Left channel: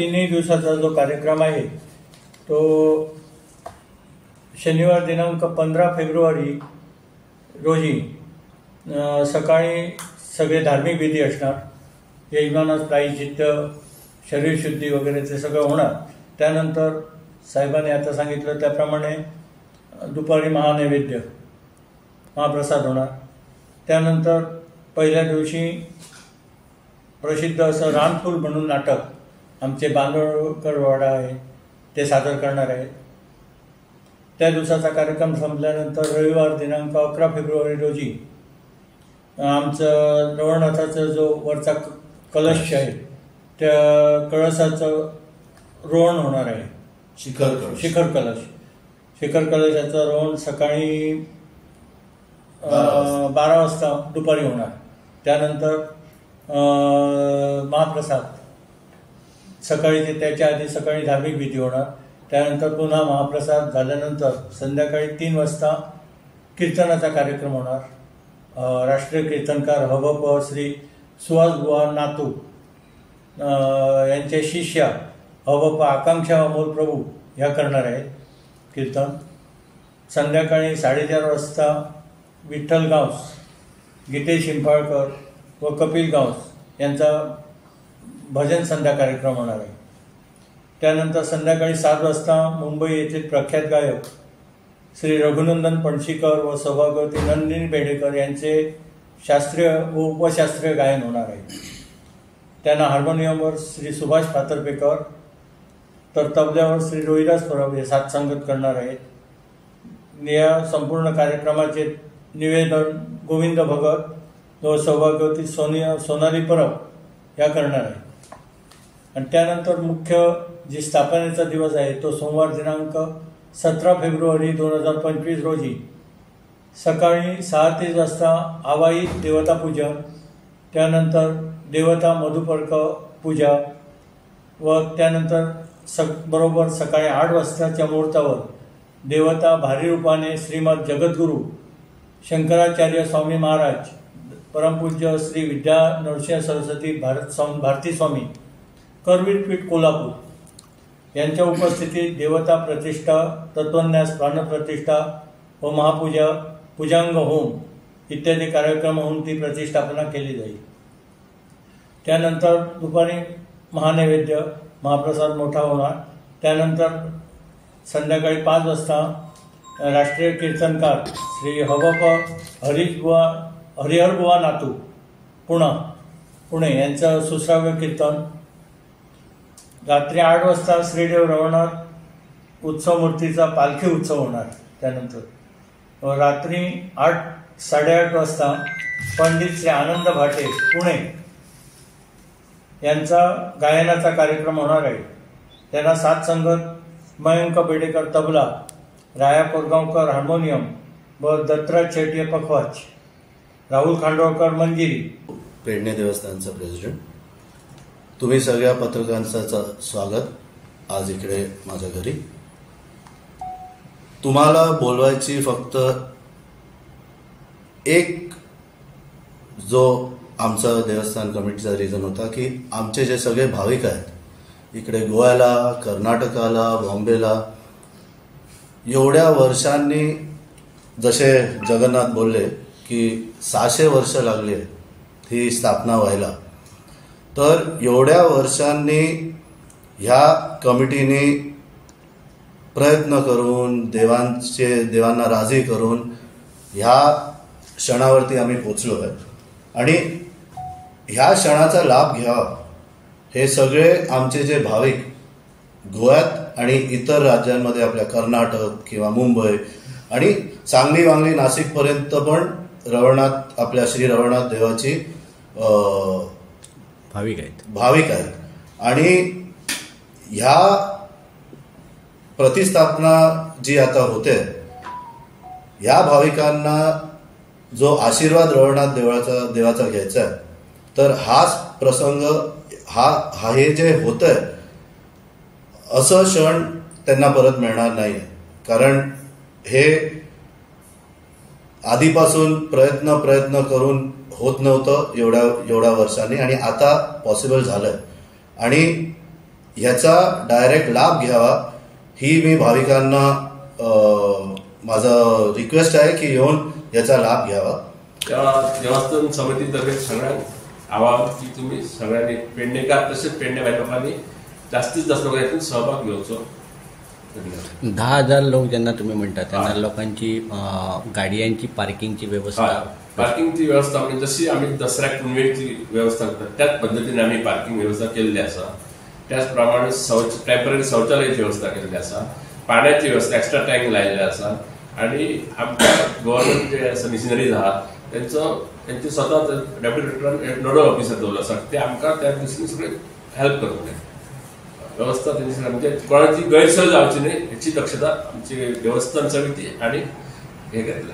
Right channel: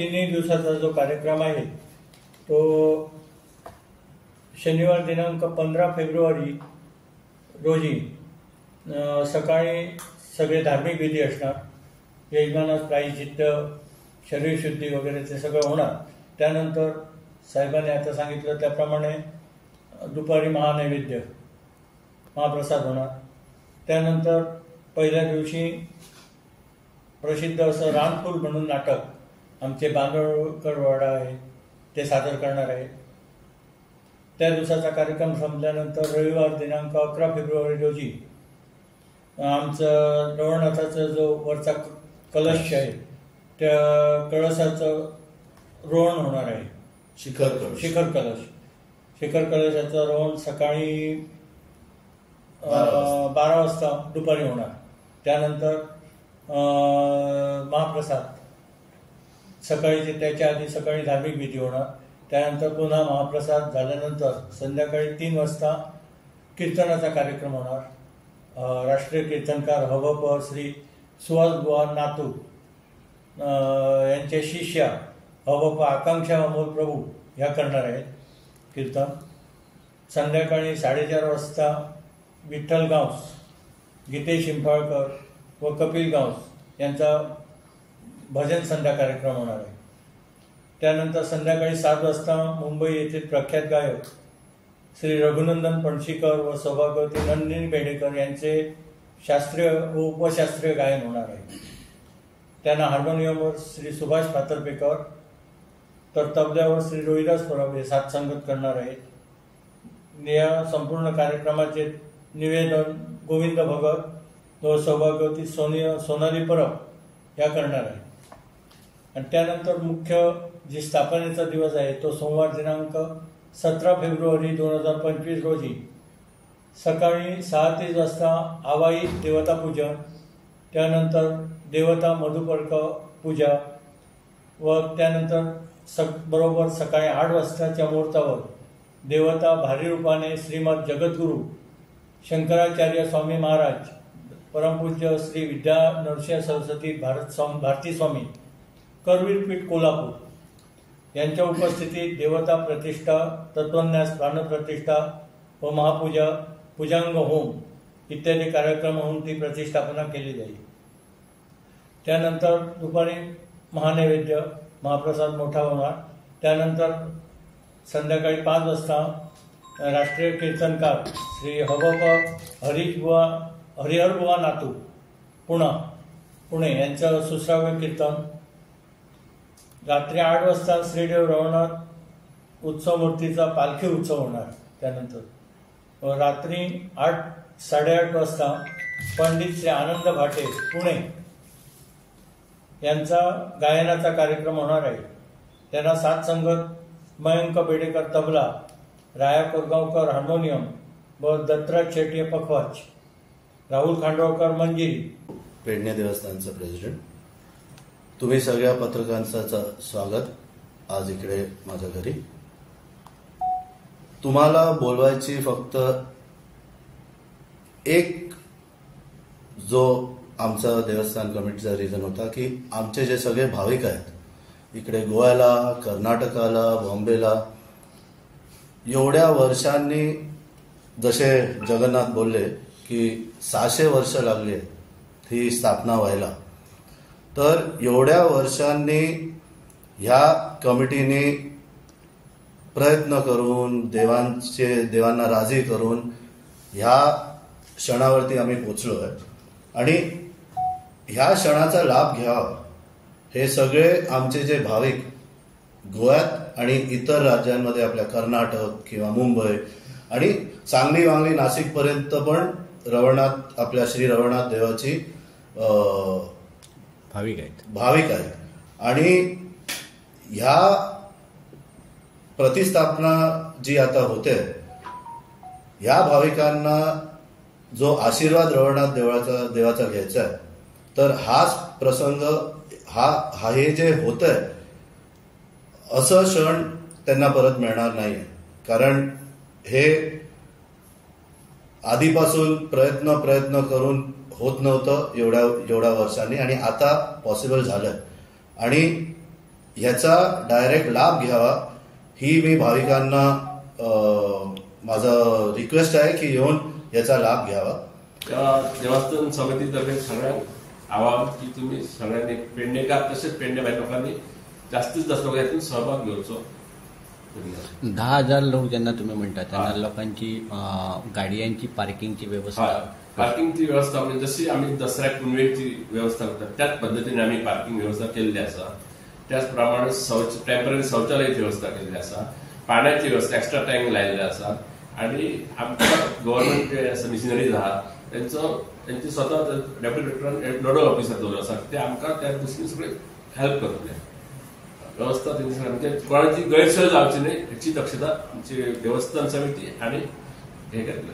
तिन्ही दिवसाचा जो कार्यक्रम आहे तो शनिवार दिनांक 15 फेब्रुवारी रोजी सकाळी सगळे धार्मिक विधी असणार. यजमानास प्रायश्चित्त, शरीरशुद्धी वगैरे ते सगळं होणार. त्यानंतर साहेबांनी आता सांगितलं त्याप्रमाणे दुपारी महानैवेद्य, महाप्रसाद होणार. त्यानंतर पहिल्या दिवशी प्रसिद्ध असं रानफूल म्हणून नाटक आमचे बांदोडकर वाडा आहे ते सादर करणार आहे. त्या दिवसाचा कार्यक्रम संपल्यानंतर रविवार दिनांक 11 फेब्रुवारी रोजी आमचं रवळनाथाचा जो वरचा कलश आहे त्या कळसाचं रोवण होणार आहे. शिखर कलशाचं रोवण सकाळी 12 वाजता दुपारी होणार. त्यानंतर महाप्रसाद सकाळी त्याच्या आधी सकाळी धार्मिक विधी होणार. त्यानंतर पुन्हा महाप्रसाद झाल्यानंतर संध्याकाळी 3 वाजता कीर्तनाचा कार्यक्रम होणार. राष्ट्रीय कीर्तनकार हवप श्री सुहासबुवा नातू यांचे शिष्य हवप आकांक्षा अमोल प्रभू ह्या करणार आहेत कीर्तन. संध्याकाळी 4:30 वाजता विठ्ठल गावस, गीतेश शिंफाळकर व कपिल गावस यांचा भजन संध्या कार्यक्रम होणार आहे. त्यानंतर संध्याकाळी 7 वाजता मुंबई येथील प्रख्यात गायक श्री रघुनंदन पणशीकर व सौभाग्यवती नंदिनी बेडेकर यांचे शास्त्रीय व उपशास्त्रीय गायन होणार आहे. त्यांना हार्मोनियमवर श्री सुभाष पातर्पेकर तर तबल्यावर श्री रोहिदास परब हे साथ संगत करणार आहेत. या संपूर्ण कार्यक्रमाचे निवेदन गोविंद भगत व सौभाग्यवती सोनाली परब या करणार आहे. आणि त्यानंतर मुख्य जी स्थापनेचा दिवस आहे तो सोमवार दिनांक 17 फेब्रुवारी 2025 रोजी सकाळी 6:30 वाजता आवाहित देवता पूजन, त्यानंतर देवता मधुपर्क पूजा व त्यानंतर बरोबर सकाळी 8 वाजताच्या मुहूर्तावर देवता भारी रूपाने श्रीमद जगद्गुरू शंकराचार्य स्वामी महाराज परमपूज्य श्री विद्या नरसिंह सरस्वती भारती स्वामी करवीरपीठ कोल्हापूर यांच्या उपस्थितीत देवता प्रतिष्ठा, तत्वन्यास, प्राणप्रतिष्ठा व महापूजा, पूजांग होम इत्यादी कार्यक्रम होऊन ती प्रतिष्ठापना केली जाईल. त्यानंतर दुपारी महानैवेद्य, महाप्रसाद मोठा होणार. त्यानंतर संध्याकाळी 5 वाजता राष्ट्रीय कीर्तनकार श्री हवप हरिहरबुवा नातू पुणे यांचं सुश्राव्य कीर्तन. रात्री 8 वाजता श्रीदेव रवळनाथ उत्सव मूर्तीचा पालखी उत्सव होणार. त्यानंतर रात्री 8:30 वाजता पंडित श्री आनंद भाटे पुणे यांचा गायनाचा कार्यक्रम होणार आहे. त्यांना साथ संगत मयंक बेडेकर तबला, राया कोरगावकर हार्मोनियम व दत्तराज शेट्ये पखवाज, राहुल खांडोळकर मंजिरी. पेडणे देवस्थानचा प्रेसिडेंट, तुम्ही सगळ्या पत्रकारांचं स्वागत आज इकडे माझ्या घरी. तुम्हाला बोलवायची फक्त एक जो आमचा देवस्थान कमिटीचा रिझन होता की आमचे जे सगळे भाविक आहेत इकडे गोव्याला, कर्नाटकाला, बॉम्बेला एवढ्या वर्षांनी, जसे जगन्नाथ बोलले की 600 वर्ष लागली ही स्थापना व्हायला, तर एवढ्या वर्षांनी ह्या कमिटीने प्रयत्न करून देवांना राजी करून ह्या क्षणावरती आम्ही पोचलो आहे. आणि ह्या क्षणाचा लाभ घ्यावा हे सगळे आमचे जे भाविक गोव्यात आणि इतर राज्यांमध्ये, आपल्या कर्नाटक किंवा मुंबई आणि सांगली, वांगली, नाशिक पर्यंत पण रवळनाथ, आपल्या श्री रवळनाथ देवाची भाविक आहेत. आणि ह्या प्रतिस्थापना जी आता होते, ह्या भाविकांना जो आशीर्वाद रवळनाथ देवाचा घ्यायचा आहे, तर हाच प्रसंग, हे जे होत आहे असं क्षण त्यांना परत मिळणार नाही. कारण हे आधीपासून प्रयत्न करून होत नव्हतं एवढ्या वर्षांनी, आणि आता पॉसिबल झालंय. आणि ह्याचा डायरेक्ट लाभ घ्यावा ही मी भाविकांना माझा रिक्वेस्ट आहे की येऊन याचा लाभ घ्यावा. देवस्थान समितीतर्फे सगळ्यांना आवाहन की तुम्ही सगळ्यांनी पेडणेकार तसेच पेडणे लोकांनी जास्तीत जास्त लोक यातून सहभाग घेवचो. 10,000 लोक ज्यांना तुम्ही म्हणता त्यांना लोकांची गाडयांची पार्किंगची व्यवस्था, पार्किंगची व्यवस्था म्हणजे जशी आम्ही दसऱ्याक पुनवेची व्यवस्था करतात त्याच पद्धतीने आम्ही पार्किंग व्यवस्था केलेली असा. त्याचप्रमाणे टेम्पररी शौचालयाची व्यवस्था केलेली असा, पाण्याची व्यवस्था एक्स्ट्रा टँक लायलेले असा आणि आमच्या गव्हर्नमेंट जे आसा मिशनरीज आहात त्यांचे स्वतः डेप्युटी डिरेक्टरान नोडल ऑफिसर दवरलो आसा ते आमकां त्या दृश्टीने सगळे हेल्प करतले. व्यवस्था त्यांची म्हणजे कोणाची गैरसोय जावची न्ही हेची दक्षता आमची देवस्थान समिती आणि हे घेतले.